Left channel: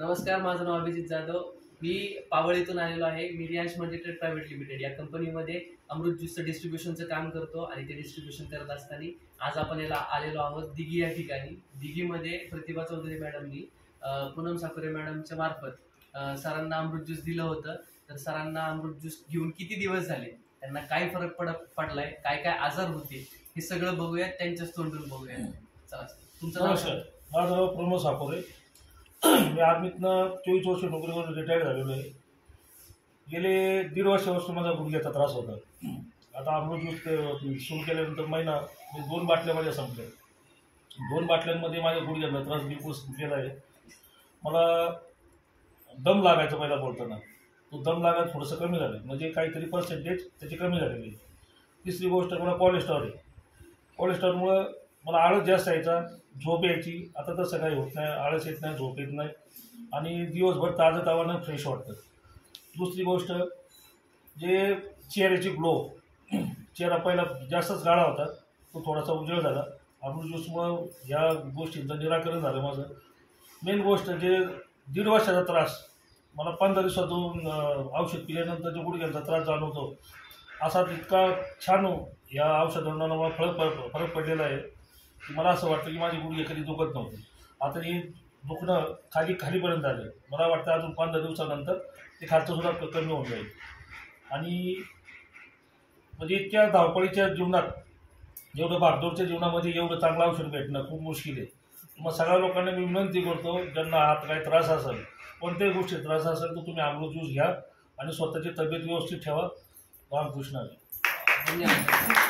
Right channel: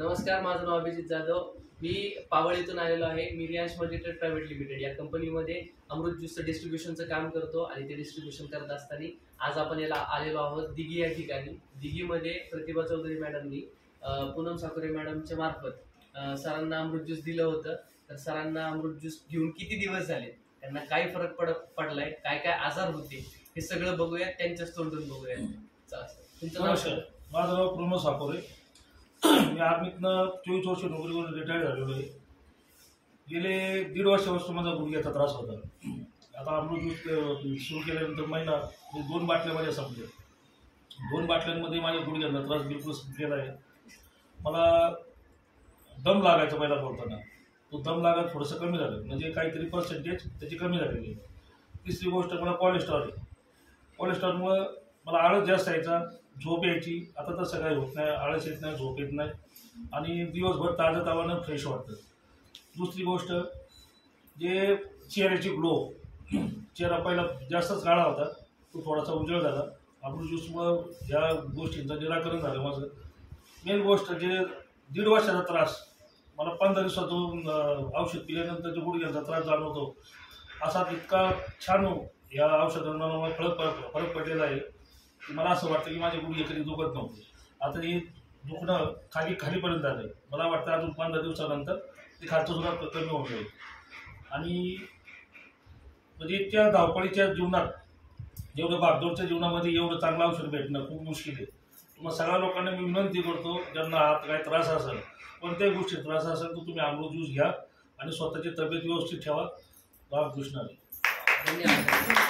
नमस्कार, माझं नाव अभिजित जाधव. मी पावळीतून आलेलो आहे. मी रियांश मल्टीट्रेड प्रायव्हेट लिमिटेड या कंपनीमध्ये अमृत ज्यूसचं डिस्ट्रीब्युशनचं काम करतो आणि ते डिस्ट्रीब्युशन करत असताना आज आपण याला आलेलो आहोत दिघी या ठिकाणी. दिघीमध्ये प्रतिभा चौधरी मॅडमनी पूनम साकुरे मॅडमच्या मार्फत सरांना अमृत ज्यूस दिलं होतं. तर सरांना अमृत ज्यूस घेऊन किती दिवस झाले, त्यांना काय फरक पडलाय, काय काय आजार होते, हे सगळं बघूयात, त्यांच्याच तोंडून बघूयात. तुमचं नाव? माझं नाव प्रमोद साकोरे. मी आर्मीतनं 24 वर्ष नोकरीवरून रिटायर्ड झालेलो आहे. गेले 1.5 वर्षापासून माझा गुडघ्याचा त्रास होता. आता अमृत ज्यूस सुरू केल्यानंतर महिना 2 बाटल्या माझ्या संपल्या. 2 बाटल्यांमध्ये माझ्या गुडघ्याचा त्रास बिलकुल संपलेला आहे. मला दम लागायचा पहिला बोलताना, तो दम लागायला थोडंसं कमी झालं, म्हणजे काहीतरी पर्सेंटेज त्याची कमी झालेली आहे. तिसरी गोष्ट मला कोलेस्ट्रॉल आहे. कोलेस्ट्रॉलमुळं मला आळस जास्त यायचा, झोप यायची. आता तसं काही होत नाही, आळस येत नाही, झोप येत नाही आणि दिवसभर ताजं तावानं फ्रेश वाटतं. दुसरी गोष्ट, जे चेहऱ्याची ग्लो, चेहरा पहिला जास्तच काळा होता, तो थोडासा उजळ झाला. अमृत ज्यूसमुळं ह्या गोष्टींचं निराकरण झालं माझं. मेन गोष्ट, जे 1.5 वर्षाचा त्रास, मला 15 दिवसातून औषध पिल्यानंतर जो गुडघ्याचा त्रास जाणवतो, असा इतका छान या औषधांना मला फरक पडलेला आहे की मला असं वाटतं की माझे गुडघे कधी दुखत नव्हते. आता हे दुखणं खालीपर्यंत आलं आहे. मला वाटतं अजून 15 दिवसानंतर ते खालचं सुद्धा कमी होऊन जाईल. आणि म्हणजे इतक्या धावपळीच्या जीवनात, जेवढं भागदौडच्या जीवनामध्ये एवढं चांगलं औषध भेटणं खूप मुश्किल आहे. मग सगळ्या लोकांना मी विनंती करतो, ज्यांना हात काही त्रास असेल, कोणत्याही गोष्टी त्रास असेल, तर तुम्ही अमृत ज्यूस घ्या आणि स्वतःची तब्येत व्यवस्थित ठेवा. रामकृष्ण. धन्यवाद.